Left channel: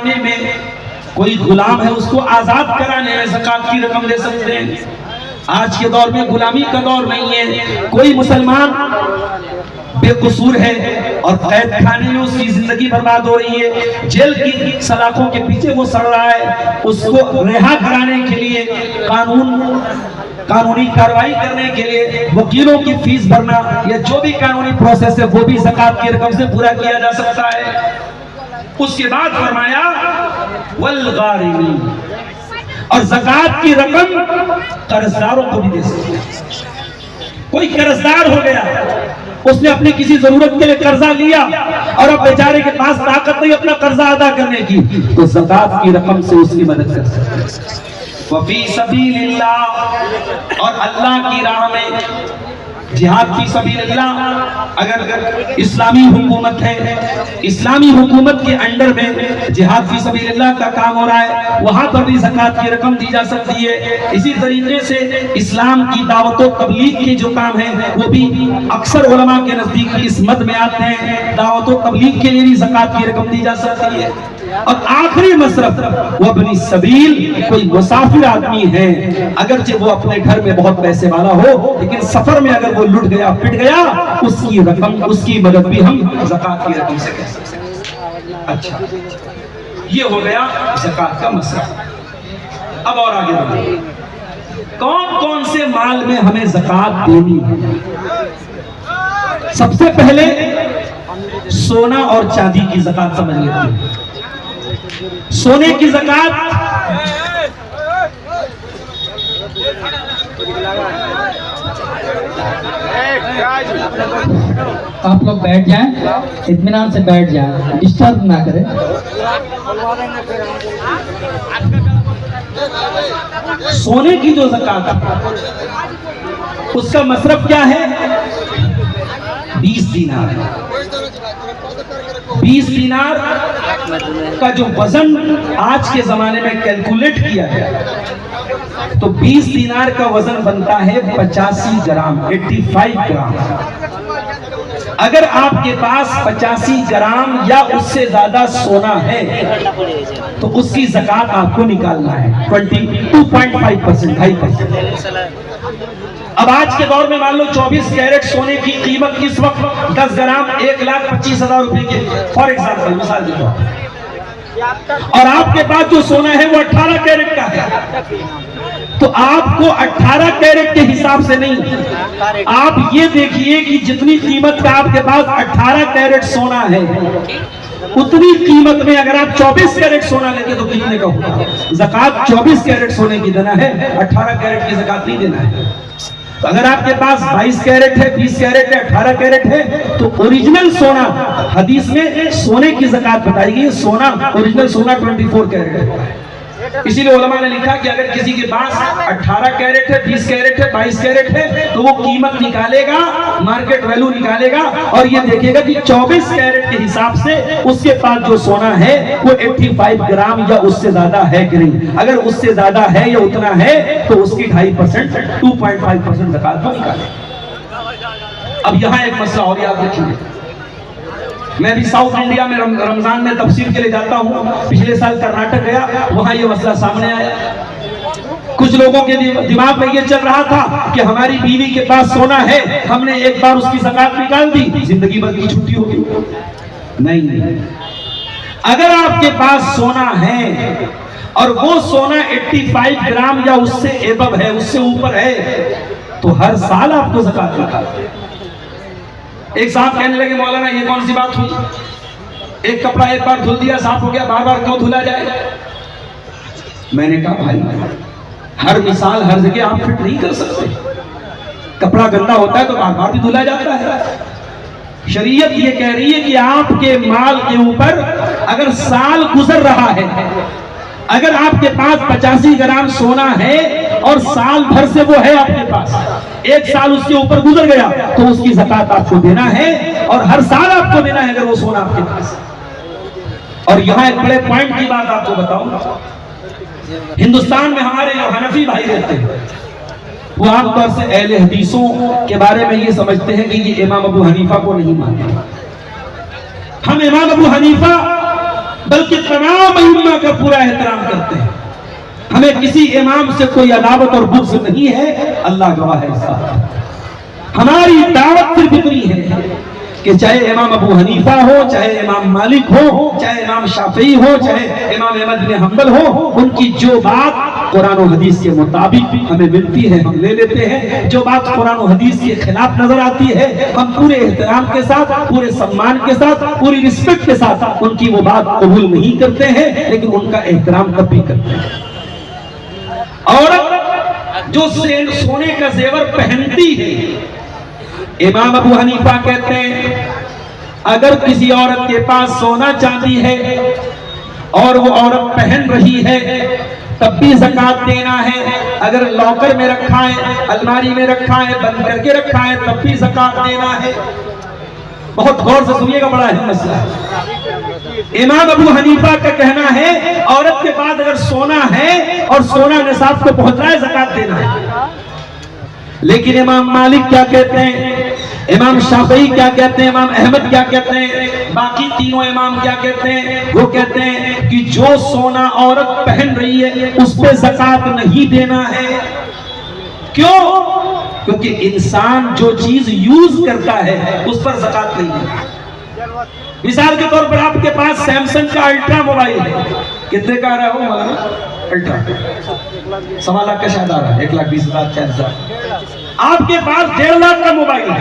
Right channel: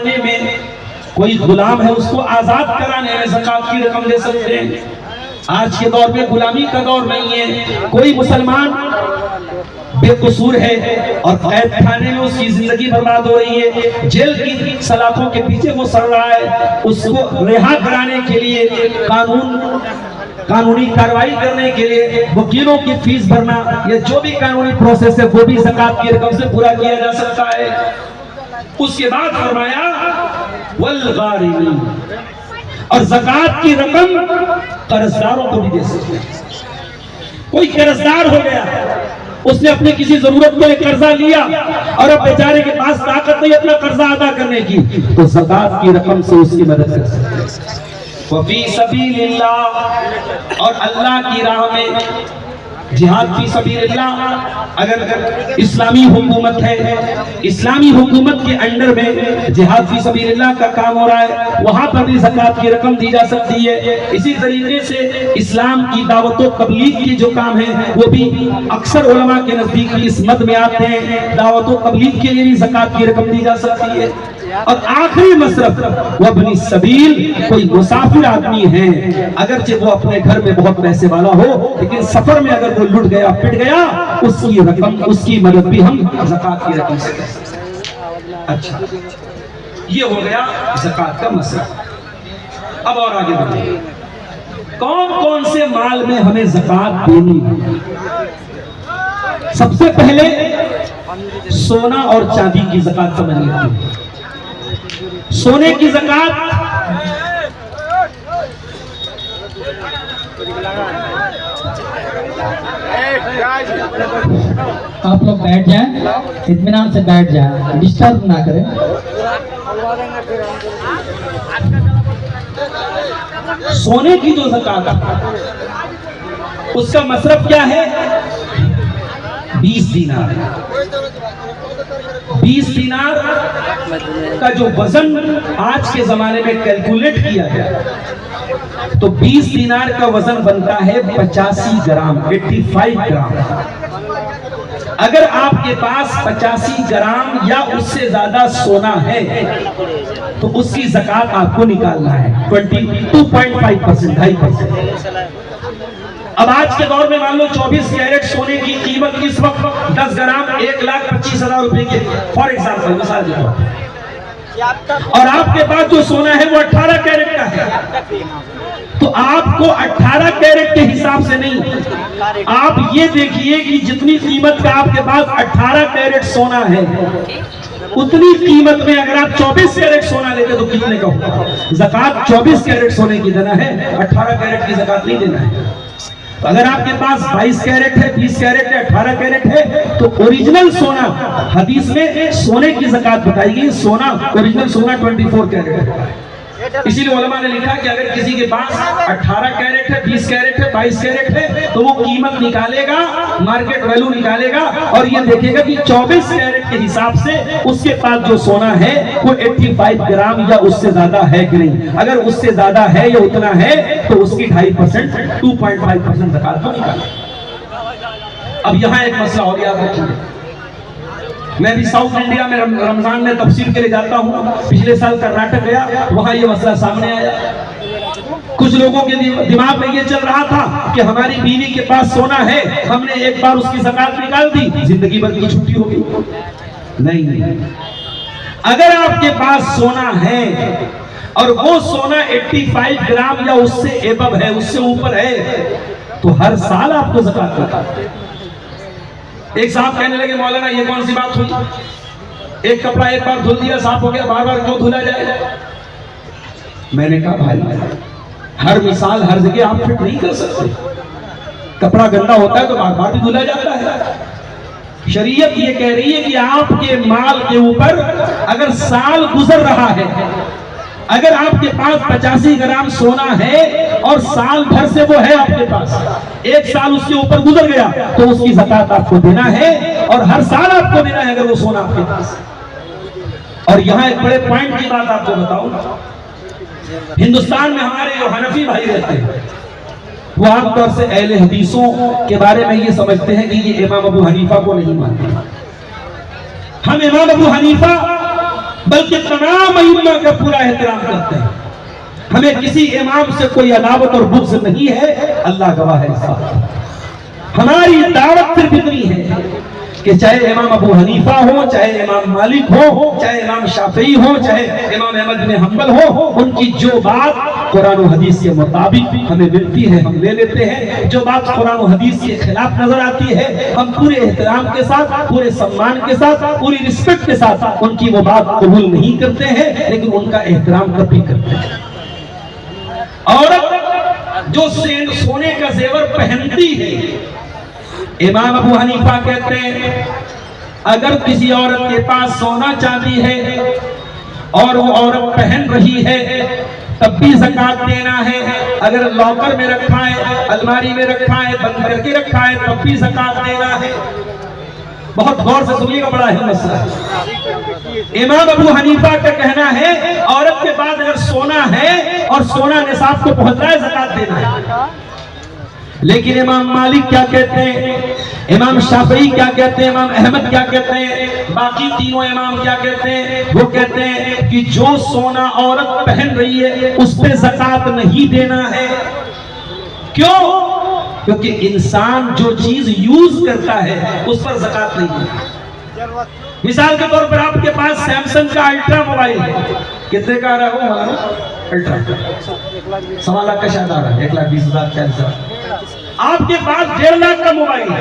मांगने में, कोई गुलाम है उसको आजाद कराने में ज़कात की रकम दे सकते हैं। आज के दौर में गुलामी का दौर नहीं है। कोई मुसलमान बेकसूर है और कैद खाने में उसकी जिंदगी बर्बाद हो रही है, जेल की सलाखों के पीछे वो सड़ रहा है, उसको रिहा कराने के लिए कानूनी कार्रवाई करने के लिए वकीलों की फीस भरना या जो भी कानूनी प्रोसेस है वो भी ज़कात की रकम से पूरा किया जा सकता है। उसके बाद फरमाया वल गारिमीन, और ज़कात की रकम कर्जदारों को भी दे सकते हैं। कोई कर्जदार हो गया, उसने अपनी किसी जरूरत के लिए कर्जा लिया और अब बेचारे के पास ताकत नहीं अपना कर्जा अदा करने की, तो ज़कात की रकम से उसकी मदद कर सकते हैं। वफ़ी सबीलिल्लाह, और अल्लाह की राह में जिहाद फी सबीलिल्लाह। अगर इस्लामी हुकूमत है, इस्लामी हुकूमत के अंडर में जिहाद फी सबीलिल्लाह का काम हो रहा है, वहां पर भी ज़कात की रकम दी जा सकती है। इसी तरीके से इस्लाम की दावत व तबलीग के जो काम है वो भी अक्सर उलमा के नजदीक इस मद में आते हैं, दावत व तबलीग के लिए भी ज़कात की रकम दी जा सकती है। और आखिरी मसरफ वब्नी सबील, कोई मुसाफिर आदमी है, अगरचे वो अपने घर में बहुत पैसे वाला हो लेकिन सफर में अगर वो लुट गया पिट गया, उसकी रकम, उसकी मदद भी हम ज़कात की रकम से कर सकते हैं। अच्छा, ये हो गया ज़कात का मसला। अब और आगे बढ़िए, कौन कौन से माल में हमें ज़कात देनी है? सबसे पहले सोना और चांदी की ज़कात समझ लेते हैं। सोने की ज़कात आप लोग बैठ जाएं, इत्मीनान से बैठ जाएं, डिस्टर्ब ना करें। सोने की जो ज़कात है उसका मसरफ क्या है? 20 दीनार। 20 दीनार का जो वजन आज के जमाने में कैलकुलेट किया जाए तो 20 दीनार का वजन बनता है 85 ग्राम, 85 ग्राम। अगर आपके पास 85 ग्राम या उससे ज्यादा सोना है तो उसकी ज़कात आपको निकालना है 22.5%, 2.5%। अब आज के दौर में मान लो 24 कैरेट सोने की कीमत इस वक्त 10 ग्राम 1,25,000 रुपए के, फॉर एग्जाम्पल, मिसाल के तौर पर, और आपके पास जो सोना है वो 18 कैरेट का है, तो आपको 18 कैरेट के हिसाब से नहीं, आप ये देखिए कि जितनी कीमत का आपके पास 18 कैरेट सोना है उतनी कीमत में अगर आप 24 कैरेट सोना लेते तो कितने का होगा? ज़कात 24 कैरेट सोने की देना है, 18 कैरेट की ज़कात नहीं देना है। तो अगर आपके पास 22 कैरेट है, 20 कैरेट है, 18 कैरेट है, तो ओरिजिनल सोना, हदीस में सोने की ज़कात बताई गई, सोना, ओरिजिनल सोना 24 कैरेट है। इसीलिए उलमा ने लिखा कि अगर किसी के पास 18 कैरेट है, 20 कैरेट है, 22 कैरेट है, तो वो कीमत निकालेगा, मार्केट वैल्यू निकालेगा और ये देखेगा कि 24 कैरेट के हिसाब से उसके पास जो सोना है वो 85 ग्राम या उससे ज्यादा है कि नहीं। अगर उससे ज्यादा है या उतना है तो उसकी 2.5%, 2.5% ज़कात को निकालेगा। अब यहाँ एक मसला और याद रखिए, मैं भी साउथ इंडिया में रमजान में तफसीर के लिए जाता हूँ। पिछले साल कर्नाटक गया, वहां ये मसला सामने आया। कुछ लोगों के दिमाग में ये चल रहा था कि हमारी बीवी के पास सोना है, हमने एक बार उसकी ज़कात निकाल दी, जिंदगी भर की छुट्टी हो गई। नहीं, अगर आपके पास सोना है और वो सोना 85 ग्राम या उससे एबव है, उससे ऊपर है, तो हर साल आपको ज़कात निकालनी है। एक साहब कहने लगे, मौलाना ये कौन सी बात हुई, एक कपड़ा एक बार धुल दिया साफ हो गया, बार बार क्यों धुला जाएगा? मैंने कहा भाई, हर मिसाल हर जगह आप फिट नहीं कर सकते। कपड़ा गंदा होता है तो बार बार भी धुला जाता है। शरीयत ये कह रही है कि आपके माल के ऊपर अगर साल गुजर रहा है, अगर आपके पास 85 ग्राम सोना है और साल भर से वो है आपके पास, एक साल उसके ऊपर गुजर गया तो उसकी ज़कात आपको देना है और हर साल आपको देना है अगर वो सोना आपके पास। और यहाँ एक बड़े पॉइंट की बात आपको बताऊं, हिंदुस्तान में हमारे जो हनफी भाई रहते हैं वो आमतौर से अहले हदीसों के बारे में ये समझते हैं कि ये इमाम अबू हनीफा को नहीं मानते। हम इमाम अबू हनीफा बल्कि तमाम इमाम का पूरा एहतराम करते हैं। हमें किसी इमाम से कोई अदावत और बुग़्ज़ नहीं है, अल्लाह गवाह है इस बात। हमारी दावत सिर्फ इतनी है कि चाहे इमाम अबू हनीफा हो, चाहे इमाम मालिक हो, चाहे इमाम शाफी हो, चाहे इमाम अहमद बिन हंबल हो, उनकी जो बात कुरान और हदीस के मुताबिक हमें मिलती है हम ले लेते हैं। जो बात कुरान और हदीस के खिलाफ नजर आती है हम पूरे एहतराम के साथ, पूरे सम्मान के साथ, पूरी रिस्पेक्ट के साथ उनकी वो बात कबूल नहीं करते हैं, लेकिन उनका एहतराम कभी करते हैं। औरत जो सोने का जेवर पहनती है, इमाम अबू हनीफा कहते हैं अगर किसी औरत के पास सोना चांदी है और वो औरत पहन रही है तब भी ज़कात देना है। अगर लॉकर में रखा है, अलमारी में रखा है, बंद करके रखा है, तब भी ज़कात देना है। बहुत गौर से सुनिएगा, बड़ा है मसला। इमाम अबू हनीफा का कहना है औरत के पास अगर सोना है और सोना निसाब को पहुंच रहा है, ज़कात देना है। लेकिन इमाम मालिक क्या कहते हैं, इमाम शाफी क्या कहते हैं, इमाम अहमद क्या कहते हैं, बाकी तीनों इमाम क्या कहते हैं? वो कहते हैं कि जो सोना औरत पहन रही है उस पे ज़कात नहीं देना है। क्यों? क्योंकि इंसान जो चीज यूज करता है उस पर ज़कात नहीं है। मिसाल के तौर पर आपके पास सैमसंग का अल्ट्रा मोबाइल है, कितने का आ रहा है वो मोबाइल? अल्ट्रा 1.25 लाख का शायद आ रहा है, 1,20,000 40,000। आपके पास 1.5 लाख का मोबाइल है,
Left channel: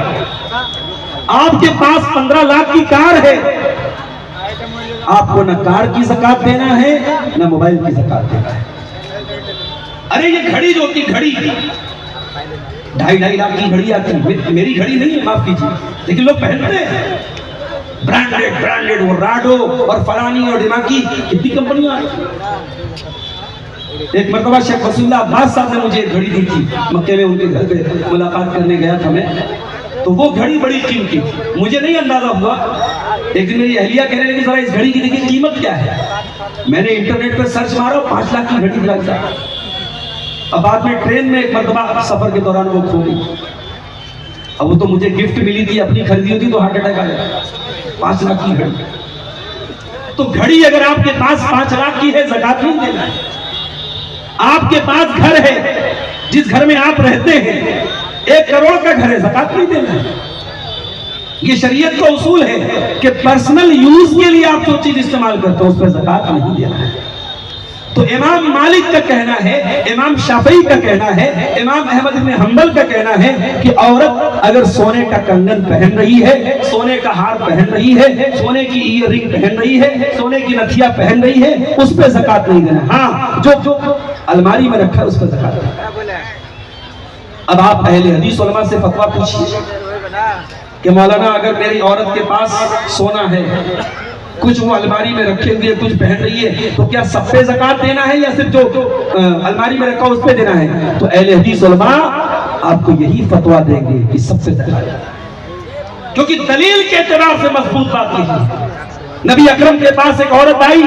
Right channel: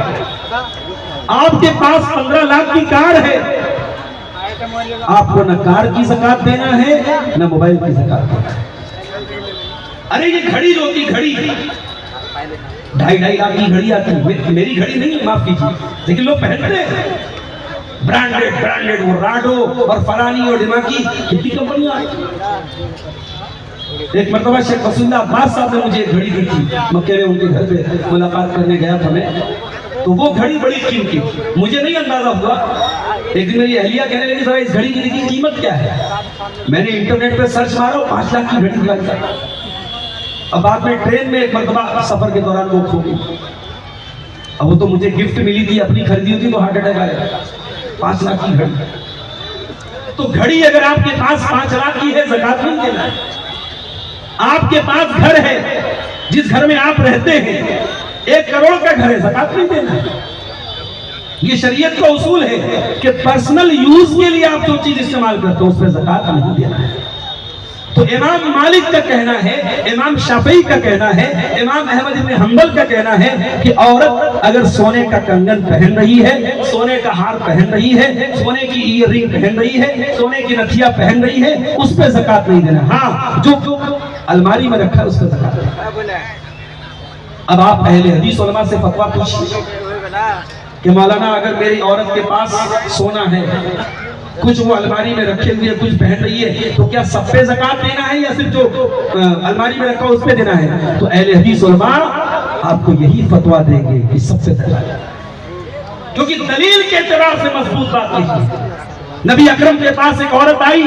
आपके पास 15 लाख की कार है, आपको न कार की ज़कात देना है न मोबाइल की ज़कात देना है। अरे ये घड़ी जो होती, घड़ी 2.5 लाख की घड़ी आती है, मेरी घड़ी नहीं है, माफ कीजिए, लेकिन लोग पहनते हैं ब्रांडेड वो राडो और फरानी और दिमागी कितनी कंपनियां आई। एक मरतबा शेख वसीउल्लाह अब्बास साहब ने मुझे एक घड़ी दी थी, मक्के में उनके घर पे मुलाकात करने गया था मैं, तो वो घड़ी बड़ी कीमती थी, मुझे नहीं अंदाजा हुआ। एक दिन मेरी अहलिया कहने लगी जरा इस घड़ी की देखिए कीमत क्या है। मैंने इंटरनेट पे सर्च मारा, 5 लाख की घड़ी लग जाए। अब बाद में ट्रेन में एक मरतबा सफर के दौरान वो खो गई। अब वो तो मुझे गिफ्ट मिली थी, अपनी खरीदी होती तो हार्ट अटैक आया। 5 लाख की घड़ी, तो घड़ी अगर आपके पास 5 लाख की है ज़कात नहीं देना है। आपके पास घर है, जिस घर में आप रहते हैं 1 करोड़ का घर है, ज़कात नहीं देना है। ये शरीयत का उसूल है कि पर्सनल यूज के लिए आप जो चीज इस्तेमाल करते हो उस पर ज़कात नहीं देना है। तो इमाम मालिक का कहना है, इमाम शाफी का कहना है, इमाम अहमद इब्न हंबल का कहना है कि औरत अगर सोने का कंगन पहन रही है, सोने का हार पहन रही है, सोने की ईयररिंग पहन रही है, सोने की नथिया पहन रही है, उस पर ज़कात नहीं देना। हाँ, जो अलमारी में रखा है उस पर ज़कात देना। अब आप अहले हदीस उलमा से फतवा पूछिए कि मौलाना अगर मेरी औरत के पास सोना है, कुछ वो अलमारी में रखे हुए कुछ पहन रही है, तो क्या सब पे ज़कात देना है या सिर्फ जो अलमारी में रखा उस पे देना है? तो अहले हदीस उलमा आपको यही फतवा देंगे कि सबसे ज़कात, क्योंकि दलील के एतबार से मजबूत बात लिखी है। नबी अकरम के पास एक औरत आई,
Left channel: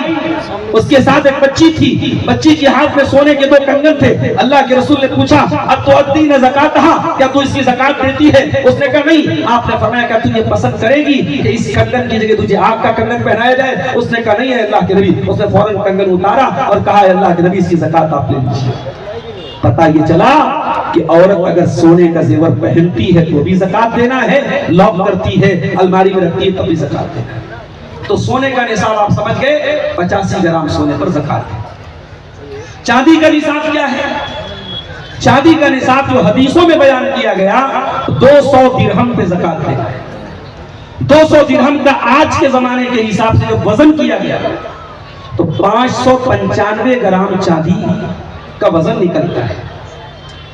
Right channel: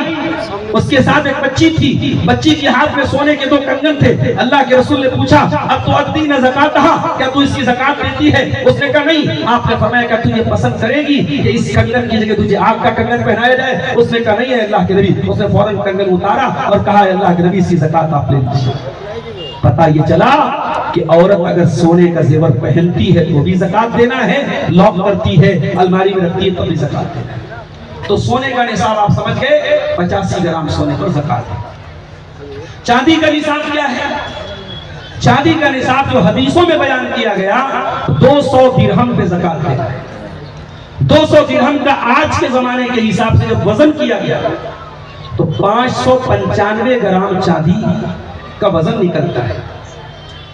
उसके साथ एक बच्ची थी, बच्ची के हाथ में सोने के 2 कंगन थे। अल्लाह के रसूल ने पूछा अब तो अद्दी न ज़कात, क्या तू इसकी ज़कात देती है? उसने कहा नहीं। आपने फरमाया कि तू ये पसंद करेगी कि इस कंगन की जगह तुझे आग का कंगन पहनाया जाए? उसने कहा नहीं है अल्लाह के नबी। उसने फौरन कंगन उतारा और कहा अल्लाह के नबी इसकी ज़कात आप ले लीजिए। पता ये चला कि औरत अगर सोने का जेवर पहनती है तो भी ज़कात देना है, लॉक करती है, अलमारी में रखती है तब भी ज़कात देना है। तो सोने का निसाब आप समझ गए, 85 ग्राम सोने पर ज़कात है। चांदी का निसाब क्या है? चांदी का निसाब जो हदीसों में बयान किया गया 200 दिरहम पे ज़कात है। 200 दिरहम का आज के जमाने के हिसाब से जब वजन किया गया तो 595 ग्राम चांदी का वजन निकलता है।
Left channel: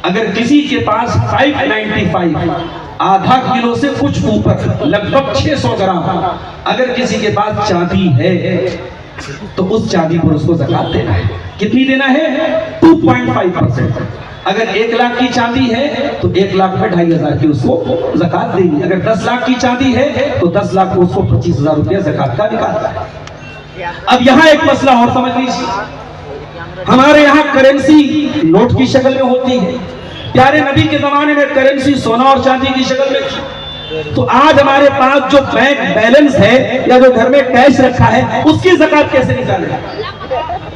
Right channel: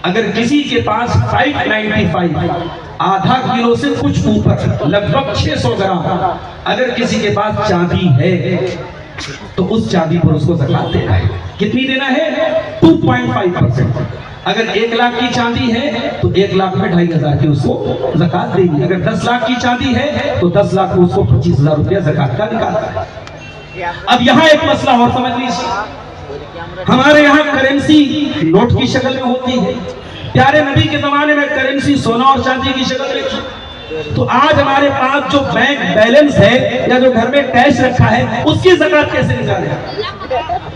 अगर किसी के पास 595 आधा किलो से कुछ ऊपर लगभग 600 ग्राम अगर किसी के पास चांदी है तो उस चांदी पर उसको ज़कात देना है। कितनी देना है? 2.5%। अगर 1 लाख की चांदी है तो 1 लाख में 2,500 की उसको ज़कात देनी। अगर 10 लाख की चांदी है तो 10 लाख को उसको 25,000 रुपया ज़कात का निकालता है। अब यहाँ एक मसला और समझ लीजिए, हमारे यहाँ करेंसी नोट की शक्ल में होती है। प्यारे नबी के जमाने में करेंसी सोना और चांदी की शक्ल में थी। तो आज हमारे पास जो बैंक बैलेंस है या जो घर में कैश रखा है उसकी ज़कात कैसे निकालें?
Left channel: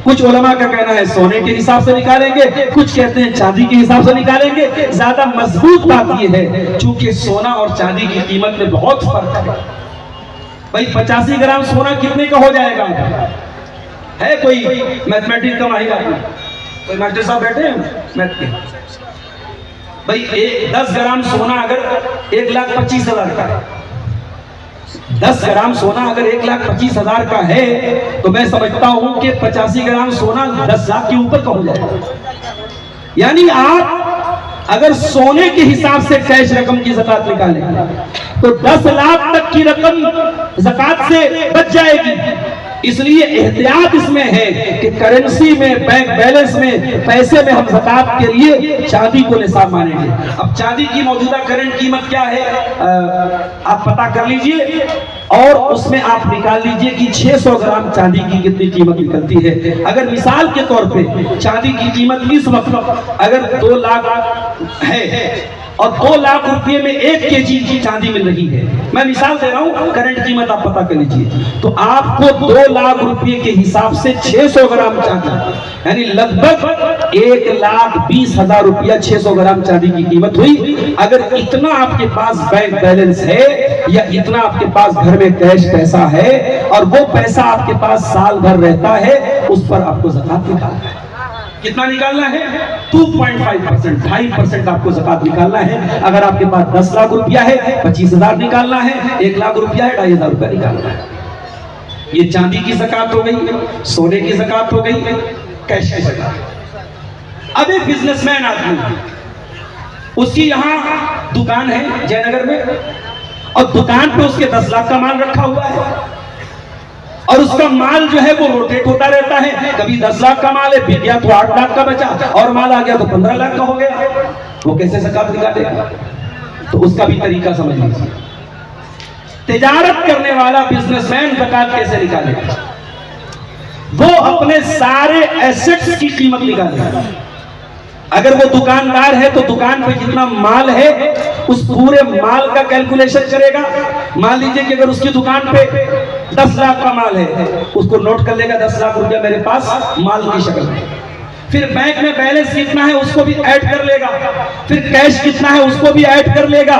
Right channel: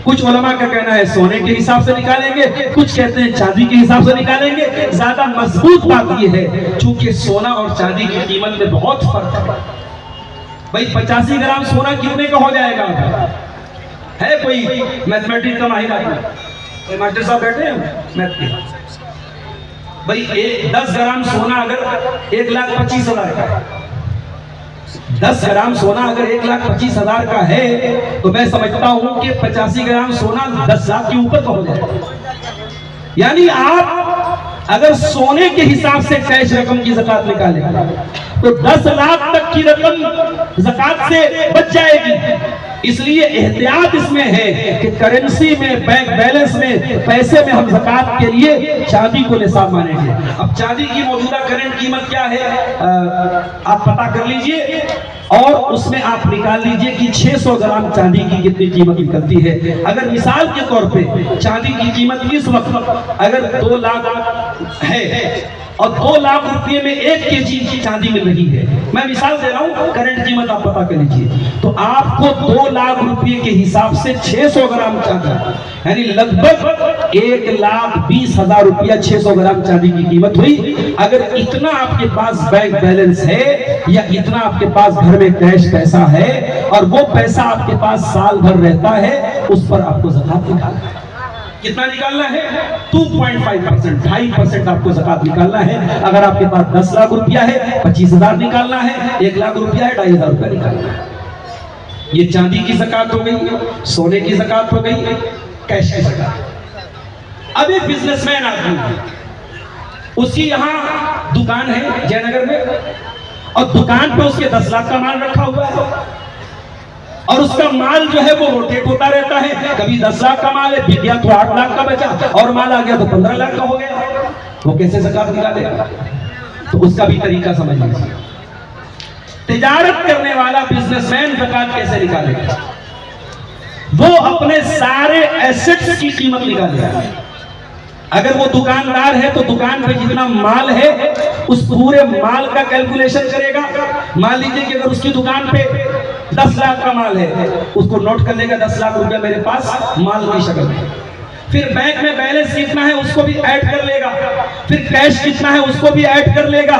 कुछ उलमा का कहना है सोने के हिसाब से निकालेंगे, कुछ कहते हैं चांदी के हिसाब से निकालेंगे। ज्यादा मजबूत बात यह है चूंकि सोना और चांदी की कीमत में बहुत फर्क है। भाई 85 ग्राम सोना कितने का हो जाएगा? है कोई मैथमेटिक्स का माहिर आदमी? कोई मास्टर साहब बैठे हैं मैथ के? भाई 10 ग्राम सोना अगर 1,25,000 का है, 10 ग्राम सोना अगर 1,25,000 का है तो मैं समझता हूं कि 85 ग्राम सोना 10 लाख के ऊपर का हो जाएगा। यानी आप अगर सोने के हिसाब से कैश रकम की ज़कात निकालेंगे तो 10 लाख तक की रकम ज़कात से बच जाएगी। इसलिए एहतियात इसमें है कि करेंसी में, बैंक बैलेंस में, पैसे में हम ज़कात के लिए चांदी को निसाब मानेंगे। अब चांदी की मौजूदा करंट कीमत क्या है आप पता कर लीजिए और उसमें आप निकाल लीजिए कि 600 ग्राम चांदी की कितनी कीमत निकलती है। अगर मिसाल के तौर पे चांदी की कीमत इस वक्त अगर 2 लाख है और 2 लाख रुपए में 1 केजी की चांदी मिल रही है, मैं मिसाल दे रहा हूं, करंट कीमत आप पता कर लीजिए, तो आपको 2 लाख रुपए के हिसाब से 600 ग्राम चांदी यानी लगभग 1,20,000 रुपया 600 ग्राम चांदी की कीमत हुई। अगर इतना आपके पास बैंक बैलेंस है या इतना आपके पास घर में कैश पैसा है और वो पैसा आपके पास साल भर रहता है, उस पर आपको ज़कात निकालना है। कितना निकालना है? 2.5%, 2.5% आपको ज़कात निकालना है। अगर आपके पास 10 लाख रुपया है 25,000 निकालना है, 1 लाख रुपया है 2,500 रुपया निकालना है। ये चांदी की ज़कात हो गई, सोने की ज़कात हो गई, कैश की ज़कात। अब एक बिजनेसमैन आदमी, उसकी यहाँ दुकान है जयनगर में और दुकान पे उसके 10 लाख का माल रखा हुआ है और उसका माल जो है वो रोटेट होता रहता है। कभी 10 लाख का माल है, बिक गया तो 8 लाख का बचा और माल आ गया तो 15 लाख का हो गया। वो कैसे ज़कात निकालेगा? तो उसका भी तरीका समझ लीजिए। तिजारत करने वाला बिजनेसमैन ज़कात कैसे निकालेगा? वो अपने सारे एसेट्स की कीमत निकालेगा। अगर वो दुकानदार है तो दुकान पे जितना माल है उस पूरे माल का कैलकुलेशन करेगा। मान लीजिए कि अगर उसकी दुकान पे 10 लाख का माल है, उसको नोट कर लेगा 10 लाख रुपया मेरे पास माल की शक्ल में। फिर बैंक में बैलेंस कितना है उसको भी ऐड कर लेगा, फिर कैश कितना है उसको भी ऐड कर लेगा,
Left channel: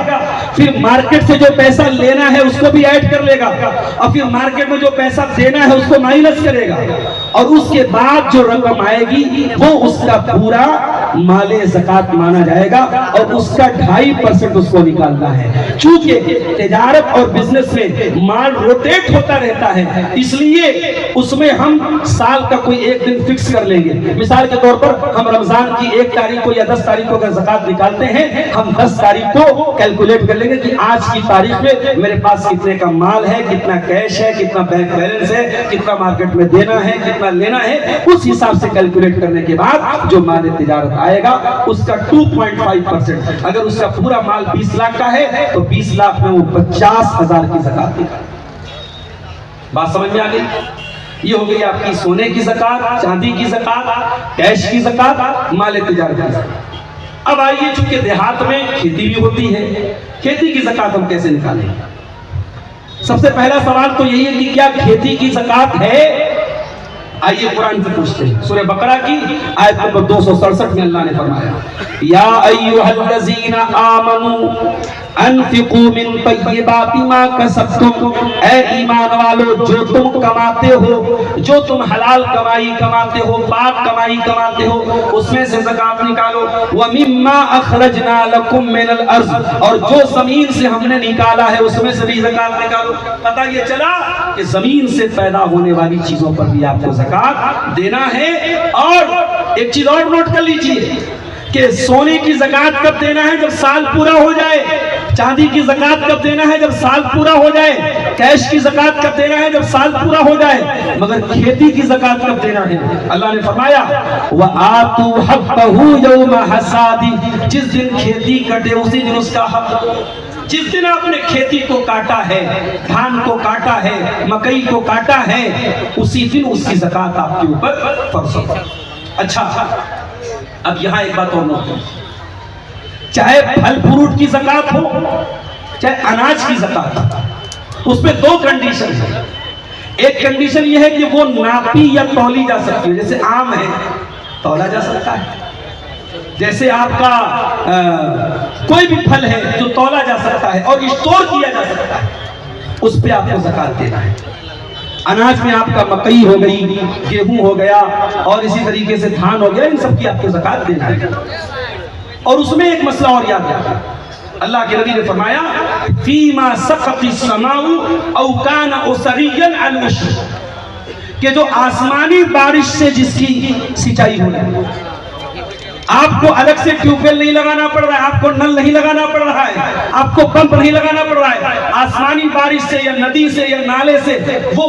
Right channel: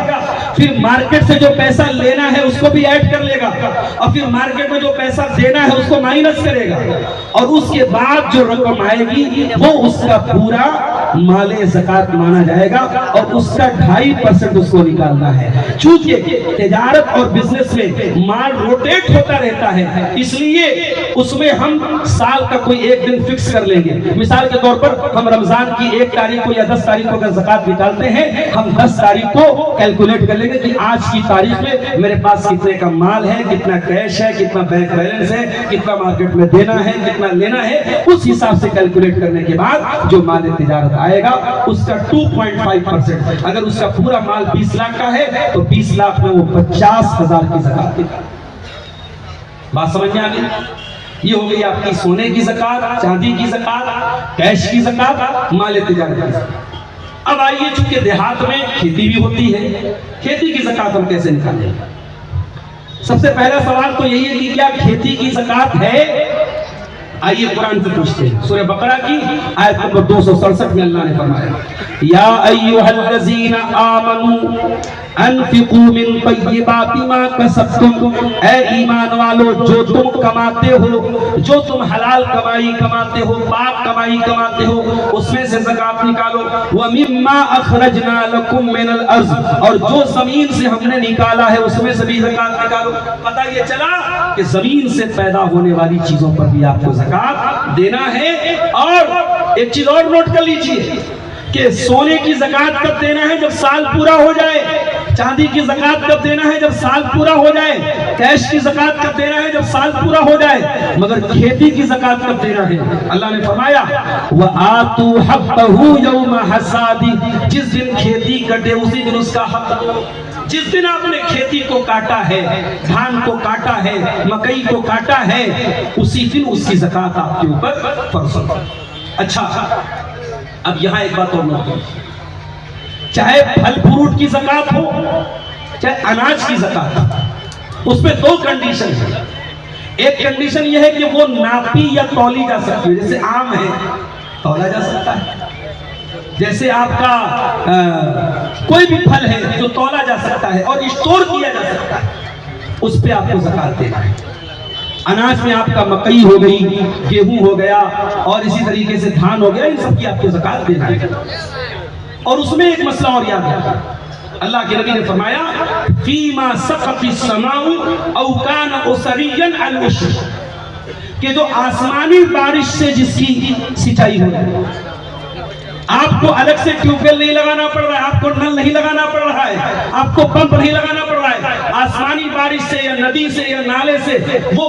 फिर मार्केट से जो पैसा लेना है उसको भी ऐड कर लेगा और फिर मार्केट में जो पैसा देना है उसको माइनस करेगा और उसके बाद जो रकम आएगी वो उसका पूरा माले ज़कात माना जाएगा और उसका 2.5% उसको निकालना है। चूंकि तिजारत और बिजनेस में माल रोटेट होता रहता है इसलिए उसमें हम साल का कोई एक दिन फिक्स कर लेंगे। मिसाल के तौर पर हम रमजान की 1 तारीख को या 10 तारीख को अगर ज़कात निकालते हैं, हम 10 तारीख को कैलकुलेट कर लेंगे कि आज की तारीख में मेरे पास कितने का माल है, कितना कैश है, कितना बैंक बैलेंस है, कितना मार्केट में देना है, कितना लेना है। उस हिसाब से कैलकुलेट करने के बाद जो माल तिजारत आएगा उसका 2.5%। अगर उसका पूरा माल 20 लाख का है तो 20 लाख में वो 50,000 की ज़कात निकाले। बात समझ में आ गई? ये हो गई आपकी सोने की ज़कात, चांदी की ज़कात, कैश की ज़कात, माल तिजारत की ज़कात। अब आइए, चूंकि देहात में खेती भी होती है, खेती की ज़कात हम कैसे निकालेंगे? सबसे पहला सवाल तो यही है कि क्या खेती की ज़कात है? आइए कुरान से पूछते हैं। सूरह बकरा की आयत नंबर 267 में अल्लाह ने फरमाया, या अय्युहल्लज़ीना आमनू अनफिकू मिन तय्यिबाति मा कसबतुम, ऐ ईमान वालो जो तुम कमाते हो, जो तुम हलाल कमाई कमाते हो, पाक कमाई कमाते हो, उसमें से ज़कात निकालो। व मिम्मा अखरजना लकुम मिनल अर्ज़, और जो जमीन से हमने निकाला है उसमें से भी ज़कात निकालो। पता ये चला कि जमीन से पैदा होने वाली चीजों पर भी आपको ज़कात देना है। और एक चीज और नोट कर लीजिए कि सोने की ज़कात कब देना है? जब साल पूरा हो जाए। चांदी की ज़कात कब देना है? जब साल पूरा हो जाए। कैश की ज़कात कब देना है? जब साल पूरा हो जाए। मगर खेती की ज़कात कब देना है? अल्लाह ने फरमाया, व आतू हक़्क़हू यौम हसादी, जिस दिन खेती कटे उसी दिन उसका हक। जिस दिन आपने खेती को काटा है, धान को काटा है, मकई को काटा है, उसी दिन उसकी ज़कात आपके ऊपर फर्ज होगी। अच्छा, अब यहां एक बात और नोट करो, चाहे फल फ्रूट की ज़कात हो, चाहे अनाज की ज़कात, उसमें दो कंडीशन है। एक कंडीशन यह है कि वो नापी या तौली जा सकती है, जैसे आम है तौला जा सकता है, जैसे आपका कोई भी फल है जो तौला जा सकता है और स्टोर किया जा सकता है, उस पे आपको ज़कात देना है। अनाज में आपका मकई हो गई, गेहूं हो गया और इसी तरीके से धान हो गया, इन सब की आपको ज़कात देना है। और उसमें एक मसला और याद रखना, अल्लाह के नबी ने फरमाया फीमा सक़तिस समाउ औ कान उसरियन अल उश्र, कि जो आसमानी बारिश से जिसकी सिंचाई हो, आपको अलग से ट्यूबवेल नहीं लगाना पड़ रहा है, आपको नल नहीं लगाना पड़ रहा है, आपको पंप नहीं लगाना पड़ रहा है, आसमानी बारिश से या नदी से या नाले से वो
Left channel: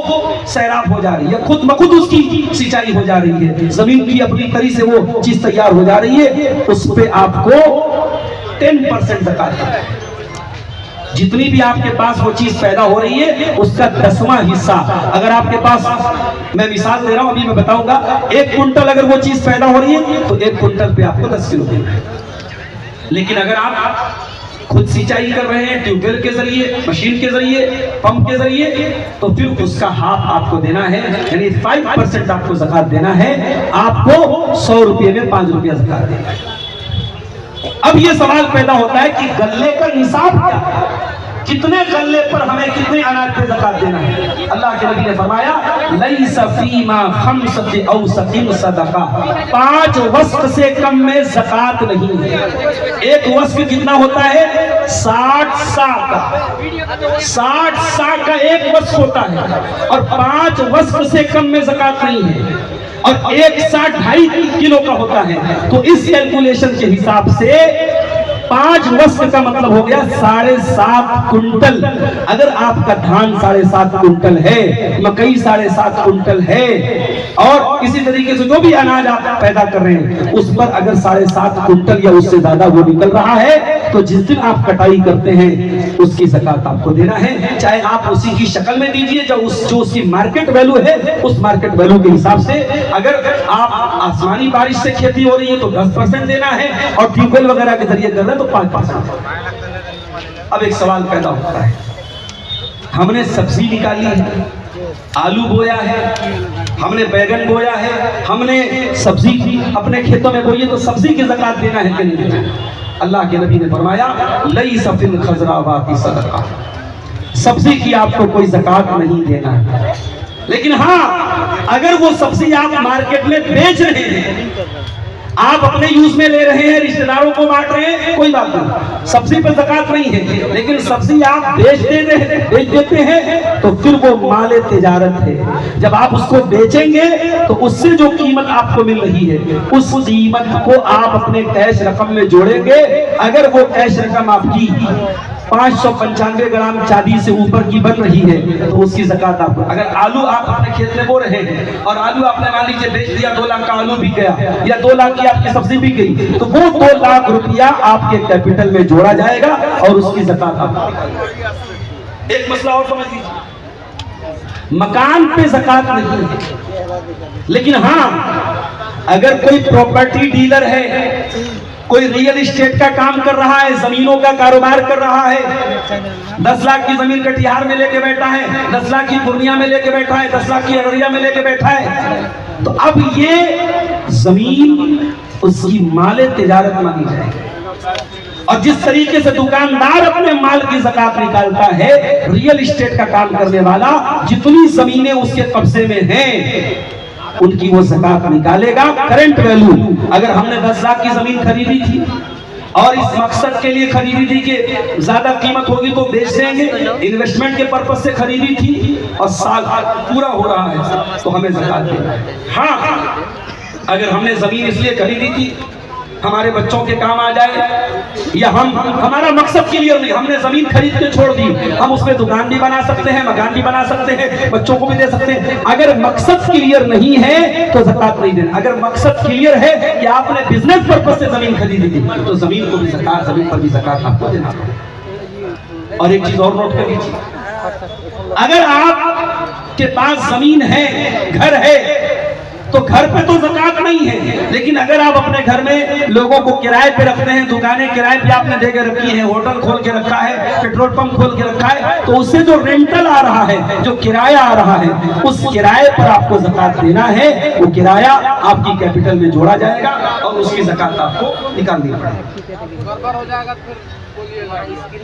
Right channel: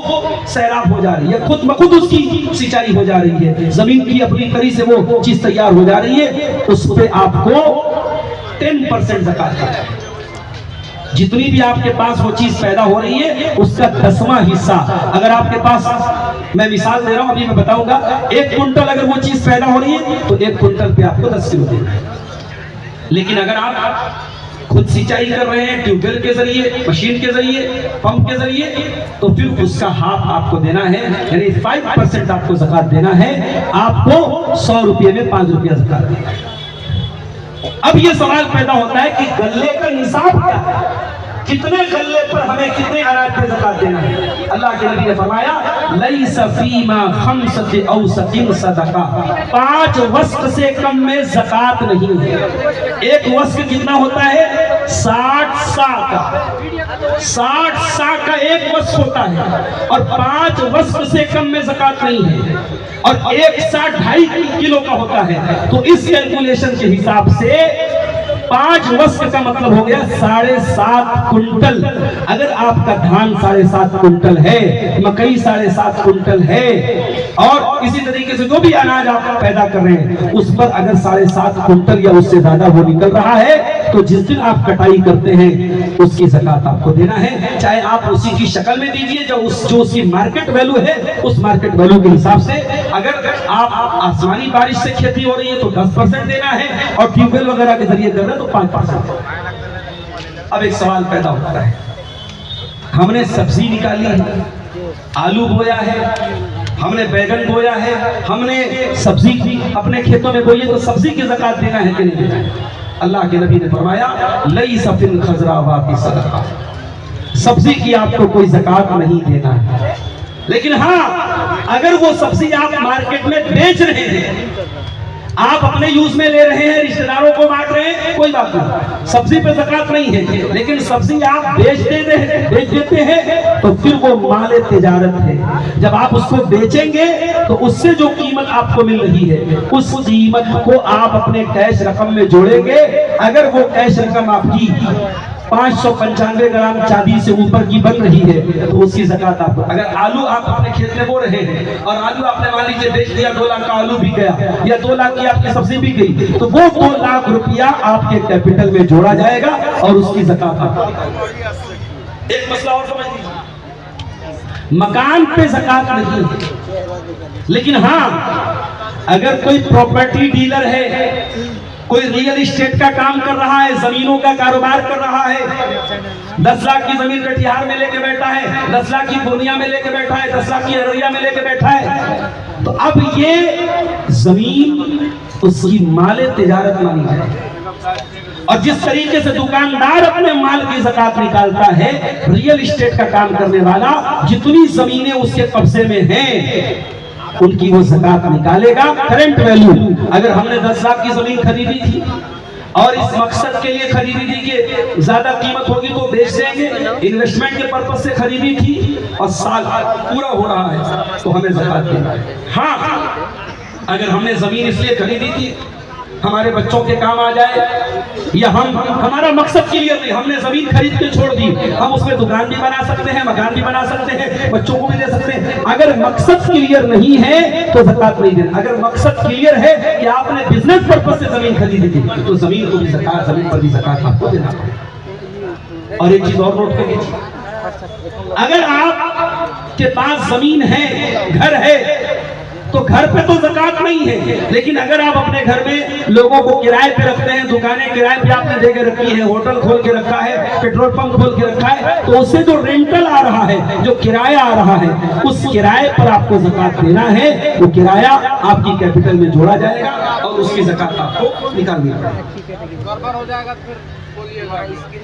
सैराब हो जा रही है, खुद ब खुद उसकी सिंचाई हो जा रही है, जमीन की अपनी करी से वो चीज तैयार हो जा रही है, उस पे आपको 10% ज़कात देना है। जितनी भी आपके पास वो चीज पैदा हो रही है उसका 10वां हिस्सा, अगर आपके पास, मैं मिसाल दे रहा हूं, अभी मैं बताऊंगा, 1 कुंटल अगर वो चीज पैदा हो रही है तो 1 कुंटल पे आपको 10 किलो देना है। लेकिन अगर आप खुद सिंचाई कर रहे हैं ट्यूबवेल के जरिए, मशीन के जरिए, पंप के जरिए, तो फिर उसका हाफ आपको देना है, यानी 5% आपको ज़कात देना है। आपको 100 रुपये में 5 रुपया ज़कात देना है। अब ये सवाल पैदा होता है कि गल्ले का निसाब क्या है, कितने गल्ले पर हमें कितने अनाज पे ज़कात देना है। अल्लाह के नबी ने फरमाया लैसा फीमा खम्सति औसतिन सदका, 5 वस्क से कम में ज़कात नहीं है। 1 वस्क कितना होता है? 60 सा का, 60 सा का 1 वस्क होता है, और 5 वस्क से कम में ज़कात नहीं है, और 1 सा 2.5 किलो का होता है। तो इस कैलकुलेशन के हिसाब से 5 वस्क का मतलब हो गया 7.5 कुंटल। अगर आपका धान 7.5 कुंटल है, मकई 7.5 कुंटल है, और इसी तरीके से जो भी अनाज आप पैदा कर रहे हैं उस पर अगर 7.5 कुंटल या उससे ज्यादा वो निकल रहा है, तो जिस दिन आप कटाई करते हैं उसकी ज़कात आपको देना है। चाहे आप उसी की शक्ल में दीजिए जो उसकी मार्केट वैल्यू है, उस मार्केट वैल्यू के हिसाब से। अगर आप आसमानी बारिश से खेती हो रही है तो 10% देना है, और ट्यूबवेल वगैरह के जरिए कर रहे हैं तो 5%। अब एक सवाल पैदा होता है, हमने सब्जी निकाली है, आलू बोया है, हमने बैगन बोया है, हमने सब्जी अपने खेतों में बोई है, तो सब्जी की ज़कात देना है कि नहीं देना है? अल्लाह के नबी ने फरमाया लैसा फिल खज़रावाति सदका, सब्जी की आपको कोई ज़कात नहीं देना है। लेकिन हाँ, अगर वो सब्जी आप मार्केट में बेच रहे हैं, आप अपने यूज में ले रहे हैं, रिश्तेदारों को बांट रहे हैं, कोई बात नहीं, सब्जी पे ज़कात नहीं है। लेकिन सब्जी आप बेच देते हैं तो फिर वो माले तिजारत है। जब आप उसको बेचेंगे तो उससे जो कीमत आपको मिल रही है उस कीमत को आप अपने कैश रकम में जोड़ेंगे। अगर वो कैश रकम आपकी 595 ग्राम चांदी से ऊपर की बन रही है तो उसकी ज़कात आपको। अगर आलू आप अपने खेत में बो रहे हैं और आलू आपने मान लीजिए बेच दिया, 2 लाख का आलू बिक गया या 2 लाख की आपकी सब्जी बिक गई, तो वो 2 लाख रुपया आपके कैपिटल में जोड़ा जाएगा और उसकी ज़कात आपको। एक मसला और समझ लीजिए, मकान पे ज़कात नहीं है, लेकिन हाँ अगर कोई प्रॉपर्टी डीलर है, कोई रियल एस्टेट का काम कर रहा है, जमीनों का कारोबार कर रहा है, 10 लाख की जमीन कटिहार में लेके बैठा है, 10 लाख की पूर्णिया में लेके बैठा है, 10 लाख की अररिया में लेके बैठा है, तो अब ये जमीन उसकी माले तिजारत मानी जाएगी। और जिस तरीके से दुकानदार अपने माल की ज़कात निकालता है, रियल एस्टेट का काम करने वाला जितनी जमीनें उसके कब्जे में हैं उनकी वो ज़कात निकालेगा। करंट वैल्यू, अगर हमने 10 लाख की जमीन खरीदी थी और इस मकसद के लिए खरीदी थी कि ज्यादा कीमत होगी तो बेच देंगे, इन्वेस्टमेंट के पर्पज से खरीदी थी और साल पूरा हो रहा है तो हमें ज़कात देना है। हाँ, अगर हमने जमीन इसलिए खरीदी थी हमारे बच्चों के काम आ जाए, या हमारा मकसद क्लियर नहीं, हमने जमीन खरीद के छोड़ दी, हम उसमें दुकान भी बना सकते हैं, मकान भी बना सकते हैं, बच्चों को भी दे सकते हैं। अगर मकसद क्लियर नहीं है तो ज़कात नहीं देना। अगर मकसद क्लियर है कि आपने बिजनेस पर्पज से जमीन खरीदी थी तो जमीन को भी ज़कात, जमीन पर भी ज़कात आपको देना। और एक चीज और नोट कर लीजिए, अगर आपके पास जमीन है, घर है, तो घर पे तो ज़कात नहीं है, लेकिन अगर आप अपने घर में लोगों को किराए पे रखते हैं, दुकानें किराए पे आपने दे के रखी है, होटल खोल के रखा है, पेट्रोल पंप खोल के रखा है, तो उससे जो रेंटल आ रहा है, जो किराया आ रहा है, उस किराए पर आपको ज़कात देना है। वो किराया आपकी कैपिटल में जोड़ा जाएगा और उसकी ज़कात आपको निकालनी पड़ेगी।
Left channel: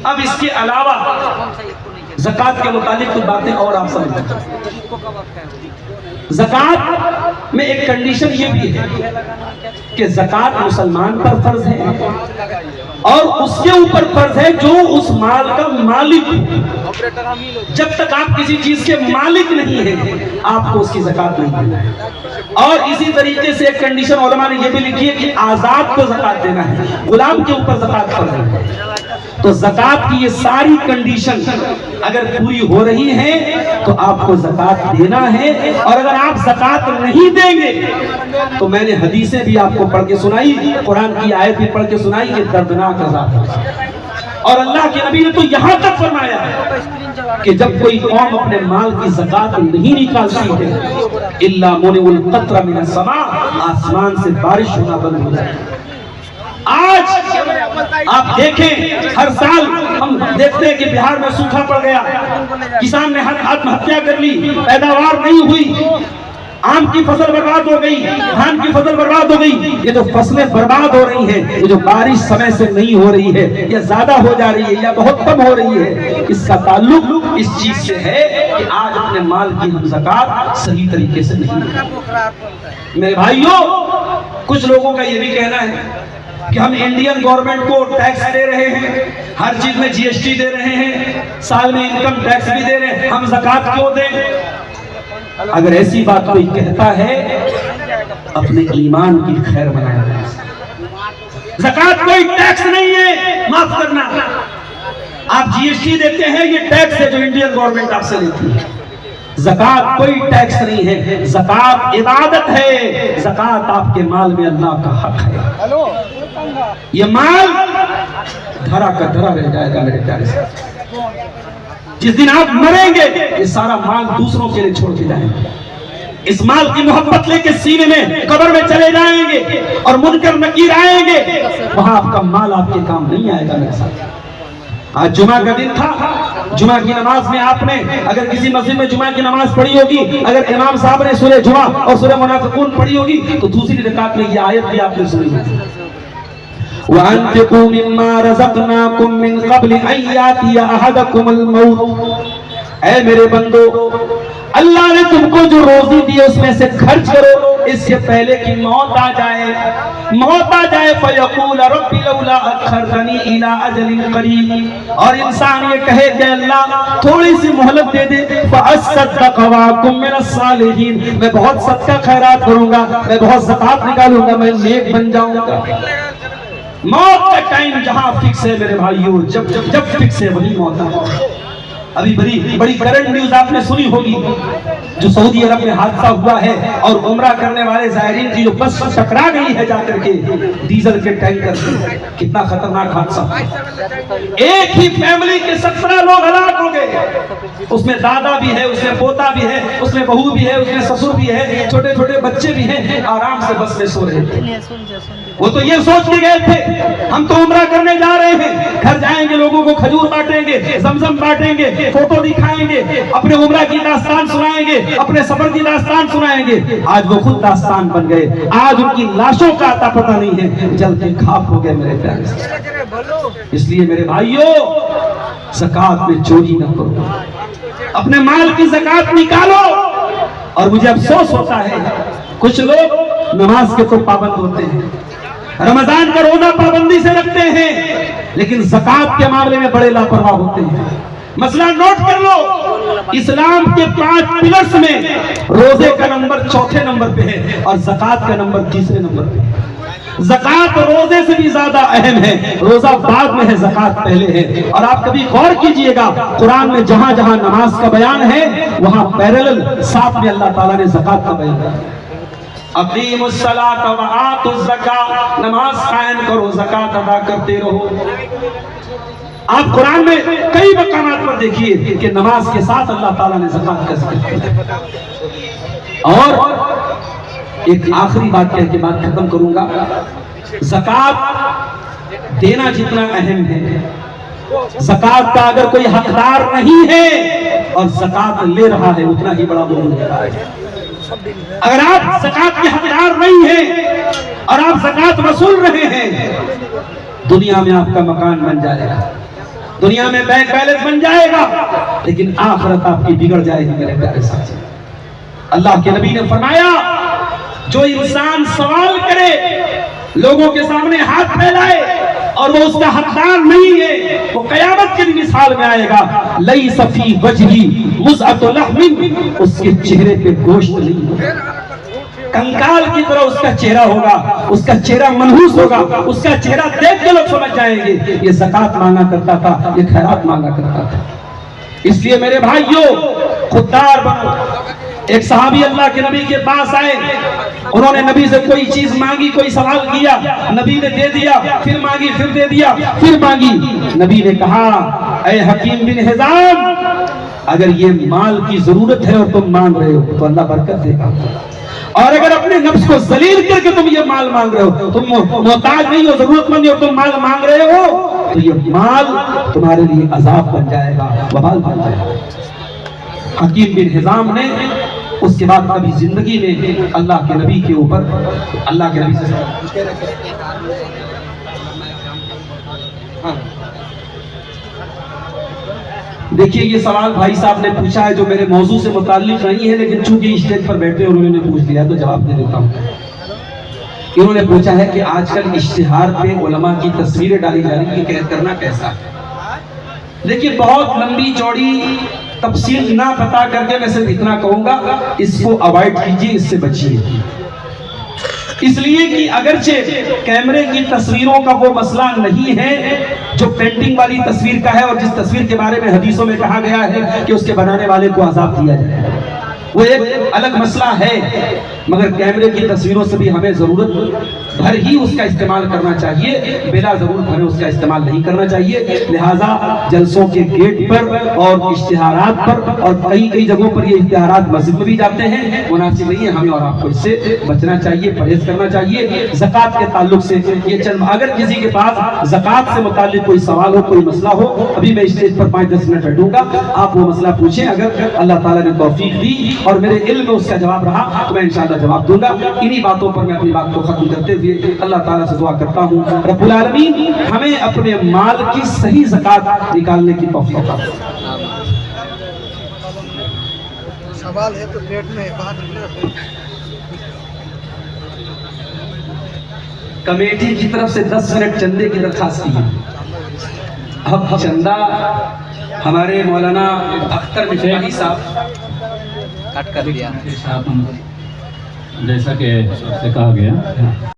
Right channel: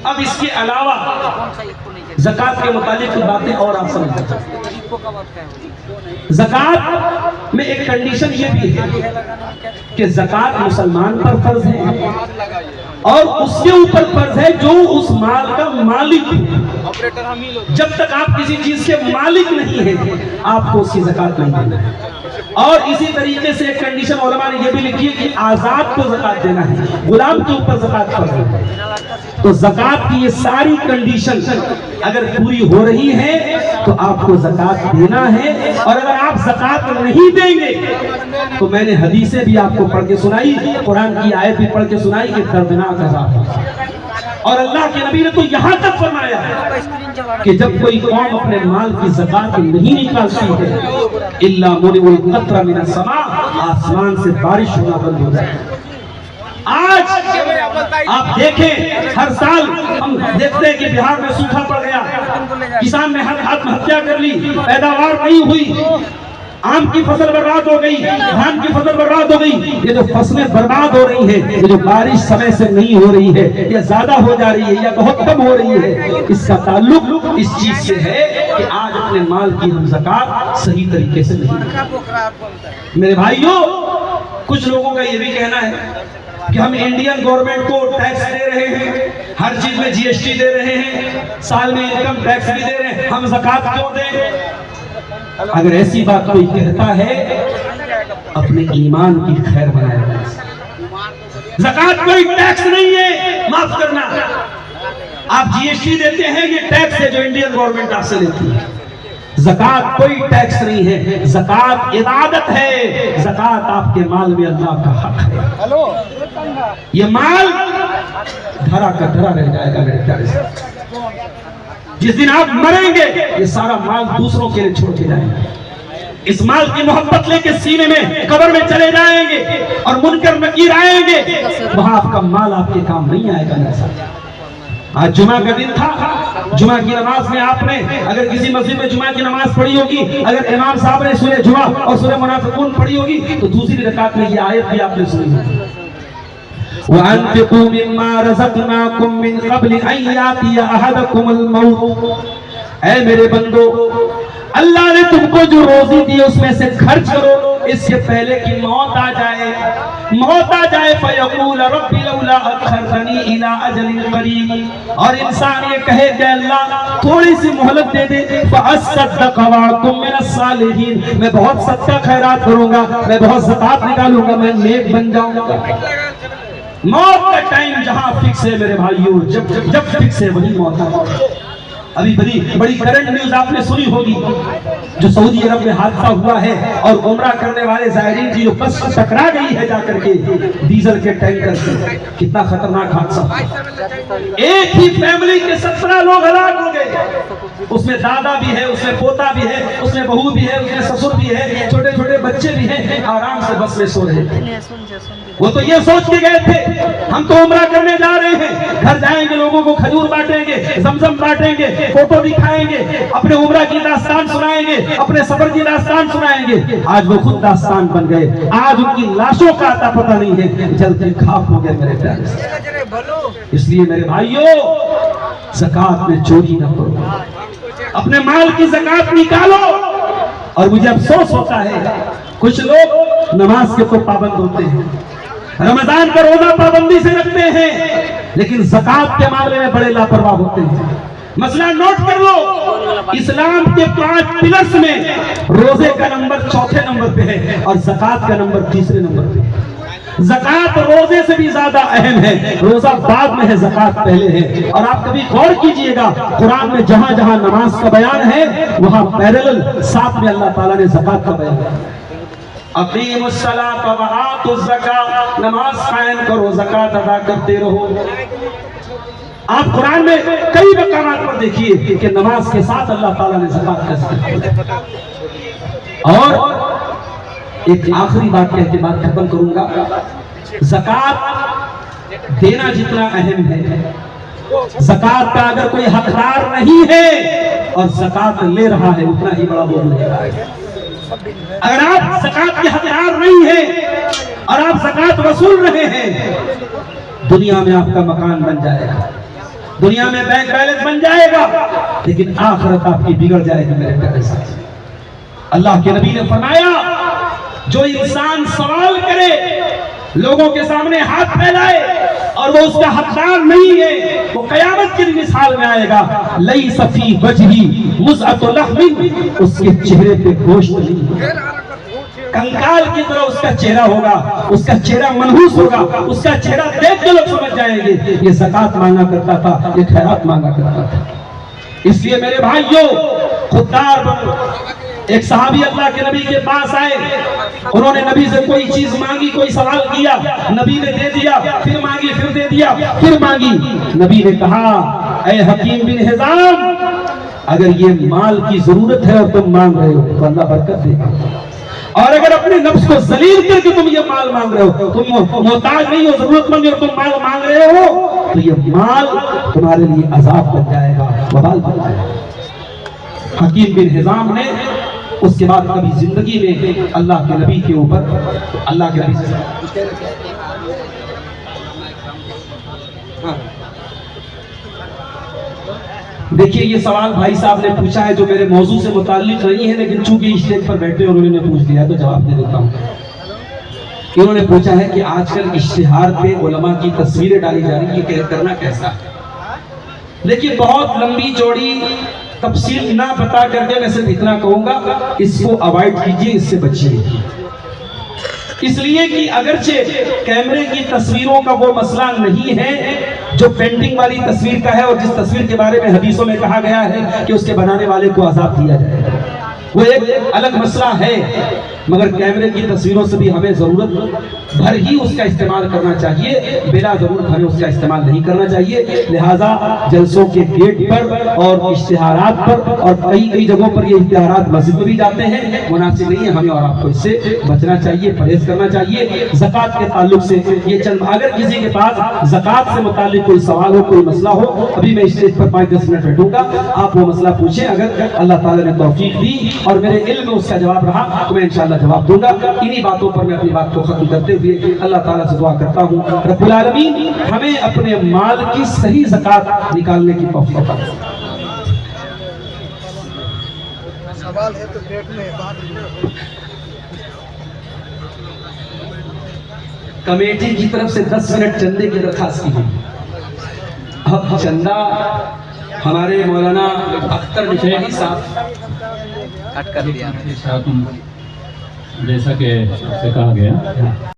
अब इसके अलावा ज़कात के मुतालिक कुछ बातें और आप समझ। ज़कात में एक कंडीशन ये भी है कि ज़कात मुसलमान पर फर्ज है और उसके ऊपर फर्ज है जो उस माल का मालिक है। जब तक आप किसी चीज के मालिक नहीं है, आपको उसकी ज़कात नहीं देना है। और इसी तरीके से एक कंडीशन उलमा ने यह भी लिखी है कि आजाद को ज़कात देना है, गुलाम के ऊपर ज़कात फर्ज है। तो ज़कात की ये सारी कंडीशन अगर पूरी हो रही है तो आपको ज़कात देना है। और अगर आप ज़कात नहीं देंगे तो मैंने हदीसें भी आपको पढ़ के सुनाई, कुरान की आयत भी पढ़ के सुनाई कि दर्दनाक अज़ाब होगा। और अल्लाह के नबी ने तो यहां तक फरमाया कि जब कोई कौम अपने माल की ज़कात नहीं निकालती है, इल्ला मुनिउल क़त्र मिनस समा, आसमान से बारिश होना बंद हो जाए। आज आप देखें, हर साल हम देखते हैं कि बिहार में सूखा पड़ गया, किसान ने आत्महत्या कर ली, पैदावार नहीं हुई, आम की फसल बर्बाद हो गई, धान की फसल बर्बाद हो गई। ये जो फसलें बर्बाद हो रही हैं, ये जो बारिश समय से नहीं हो रही है, या ज्यादा हो जा रही है या बहुत कम हो रही है, इसका ताल्लुक इस चीज से है कि आज अपने माल की हम ज़कात सही तरीके से नहीं देते। मेरे भाइयों, कुछ लोगों का ये भी कहना है कि हम इंडियन गवर्नमेंट को टैक्स दे रहे हैं, हर चीज में जीएसटी दे रहे हैं, साल में इनकम टैक्स भी दे रहे हैं, हम ज़कात क्यों दें? अगर ऐसी बात कोई कहता है, अपने ईमान की खैर बनाए। ज़कात कोई टैक्स नहीं है, माफ करना। आप जीएसटी देते हैं, ये टैक्स है जो इंडियन गवर्नमेंट आपसे लेती है। ज़कात कोई टैक्स नहीं है, ज़कात इबादत है। ज़कात आपके माल में अल्लाह का हक है। ये माल धरा का धरा रह जाएगा मेरे प्यारे से। जिस दिन आप मरेंगे, ये सारा माल दूसरों के लिए छोड़ के जाएंगे। इस माल की मोहब्बत लेके सीने में कब्र में चले जाएंगे और मुनकर नकीर आएंगे, वहां आपका माल आपके काम नहीं आएगा मेरे साथ। आज जुमा का दिन था, जुमा की नमाज में आपने अगर किसी मस्जिद में जुमा की नमाज पढ़ी होगी, अगर इमाम साहब ने सूरह जुमा और सूरह मुनाफिकून पढ़ी होगी, तो दूसरी रकात में ये आयत भी आपने सुनी है, वअन्फिकू मिम्मा रज़क़नाकुम मिन क़ब्ल अन यातिया अहदकुमुल मौत। ऐ मेरे बंदो, अल्लाह ने तुमको जो रोजी दी उसमें से खर्च करो, इससे पहले कि मौत आ जाए। मौत आ जाए फयक़ूल रब्बी लौला अख़रतनी इला अजलिन क़रीब, और इंसान ये कहे कि अल्लाह थोड़ी सी मोहलत दे दे, फ़अस्सद्दक़ व अकुम मिनस सालिहीन, मैं बहुत सदका खैरात करूंगा, मैं बहुत ज़कात निकालूंगा, मैं नेक बन जाऊंगा। मौत का टाइम जहां फिक्स है मेरे भाइयों, जब फिक्स है वही मौत है। अभी बड़ी करंट न्यूज आपने सुनी होगी, जो सऊदी अरब में हादसा हुआ है और उम्रा करने वाले ज़ायरीन की जो बस टकरा गई है जाकर के डीजल के टैंकर से। कितना खतरनाक हादसा। एक ही फैमिली के 17 लोग हलाक हो गए। उसमें दादा भी है, उसमें पोता भी है, उसमें बहू भी है, उसमें ससुर भी है, छोटे छोटे बच्चे भी हैं, आराम से बस में सो रहे थे। वो तो ये सोच के गए थे हम तो उम्रा करने जा रहे हैं, घर जाएंगे, लोगों को खजूर बांटेंगे, जमजम बांटेंगे, फोटो दिखाएंगे, अपने उम्रा की दास्तान सुनाएंगे, अपने सफर की दास्तान सुनाएंगे। आज वो खुद दास्तान बन गए। आज उनकी लाशों का आता पता नहीं है, जल के खाक हो गए मेरे प्यारे से। इसलिए मेरे भाइयों, ज़कात में चोरी न करो, अपने माल की ज़कात निकालो। और मुझे अफसोस होता है, कुछ लोग नमाज के तो पाबंद होते हैं, रमजान का रोजा पाबंदी से रखते हैं, लेकिन ज़कात के मामले में बड़े लापरवाह होते हैं। मसला नोट कर लो, इस्लाम के 5 पिलर्स में रोजे का नंबर 4थे नंबर पे है और ज़कात का नंबर 3रे नंबर पे है। ज़कात रोजे से भी ज्यादा अहम है, रोजा बाद में है, ज़कात पहले है। और आप कभी गौर कीजिएगा, कुरान में जहां जहां नमाज का बयान है, वहां पैरेलल साथ में अल्लाह ताला ने ज़कात का बयान किया। अक़ीमुस्सलात व आतुज़्ज़कात, नमाज कायम करो, ज़कात अदा करते रहो। आप कुरान में कई मकामात पर देखिए कि नमाज के साथ अल्लाह ताला ने ज़कात का ज़िक्र किया। और एक आखिरी बात कह के बात खत्म करूंगा। ज़कात देना जितना अहम है, ज़कात का अगर कोई हकदार नहीं है और ज़कात ले रहा है उतना ही बड़ा बोझ ले रहा है। अगर आप ज़कात के हकदार नहीं हैं और आप ज़कात वसूल रहे हैं, दुनिया में आपका मकान बन जाएगा, दुनिया में बैंक बैलेंस बन जाएगा, लेकिन आखिरत आपकी बिगड़ जाएगी मेरे प्यारे साथी। अल्लाह के नबी ने फरमाया, जो इंसान सवाल करे, लोगों के सामने हाथ फैलाए और वो उसका हकदार नहीं है, वो कयामत की मिसाल में आएगा। लई सफी वजही मुज़अतु लहमिन, उसके चेहरे पे गोश्त नहीं होगा, कंकाल की तरह उसका चेहरा होगा, उसका चेहरा मनहूस होगा, उसका चेहरा देख के लोग समझ जाएंगे ये ज़कात मांगा करता था, ये खैरात मांगा करता था। इसलिए मेरे भाइयों, खुददार बनो। एक सहाबी अल्लाह के नबी के पास आए, उन्होंने नबी से कोई चीज मांगी, कोई सवाल किया, नबी ने दे दिया, फिर मांगी, फिर दे दिया, फिर मांगी। नबी ने कहा, ऐ हकीम बिन हिज़ाम, अगर ये माल की जरूरत है और तुम मांग रहे हो तो अल्लाह बरकत देगा, और अगर अपने नफ्स को जलील करके तुम ये माल मांग रहे हो, तुम मोहताज नहीं हो, जरूरतमंद हो, तुम माल मांग रहे हो, तो ये माल तुम्हारे लिए अजाब बन जाएगा, वबाल बन जाएगा। हकीम बिन हिज़ाम ने उसके बाद कभी जिंदगी में अल्लाह के नबी के ऊपर, अल्लाह के नबी से देखिए, ये सवाल भाई साहब ने पूछा है जो मेरे मौजू से मुताल्लिक नहीं है, लेकिन चूंकि स्टेज पर बैठे उन्होंने पूछ लिया तो जवाब दे देता हूँ। इन्होंने पूछा है कि आजकल इश्तिहार पे उलमा की तस्वीरें डाली जा रही है, करना कैसा है। देखिए, बहुत लंबी चौड़ी तफसील ना बता करके मैं सिर्फ इतना कहूंगा, इसको अवॉइड कीजिए, इससे बचिए। इसलिए कि अगरचे कैमरे की तस्वीरों का वो मसला नहीं है जो पेंटिंग वाली तस्वीर का है, और जिस तस्वीर के बारे में हदीसों में कहा गया है कि उसके बनाने वाले को अजाब दिया जाए, वो एक अलग मसला है। मगर कैमरे की तस्वीरों से भी हमें जरूरत भर ही उसका इस्तेमाल करना चाहिए, बिला जरूरत हमें उसका इस्तेमाल नहीं करना चाहिए। लिहाजा जलसों के गेट पर और इश्तिहारात पर, और कई कई जगहों पर ये इश्तिहारात मस्जिद में भी जाते हैं, मुनासिब नहीं है। हमें और आपको इससे बचना चाहिए, परहेज करना चाहिए। ज़कात के ताल्लुक से ये चंद, अगर किसी के पास ज़कात से मुताल्लिक कोई सवाल हो, कोई मसला हो, अभी मैं स्टेज पर 5-10 मिनट बैठूंगा, आप वो मसला पूछें। अगर अल्लाह ताला ने तौफीक दी और मेरे इल्म में उसका जवाब रहा तो मैं इंशाअल्लाह जवाब दूंगा। इन्हीं बातों पर मैं अपनी बात को खत्म करते हुए अल्लाह ताला से दुआ करता हूँ, रब्बुल आलमीन हमें अपने माल की सही ज़कात निकालने की तौफीक अता फरमाए। सवाल है तो पेट में बाहर। कमेटी की तरफ से 10 मिनट चंदे की दरखास्त की है। अब चंदा हमारे मौलाना अख्तर मिफ्ताही साहब कट कर दिया, जैसा कि सबसे कहा गया।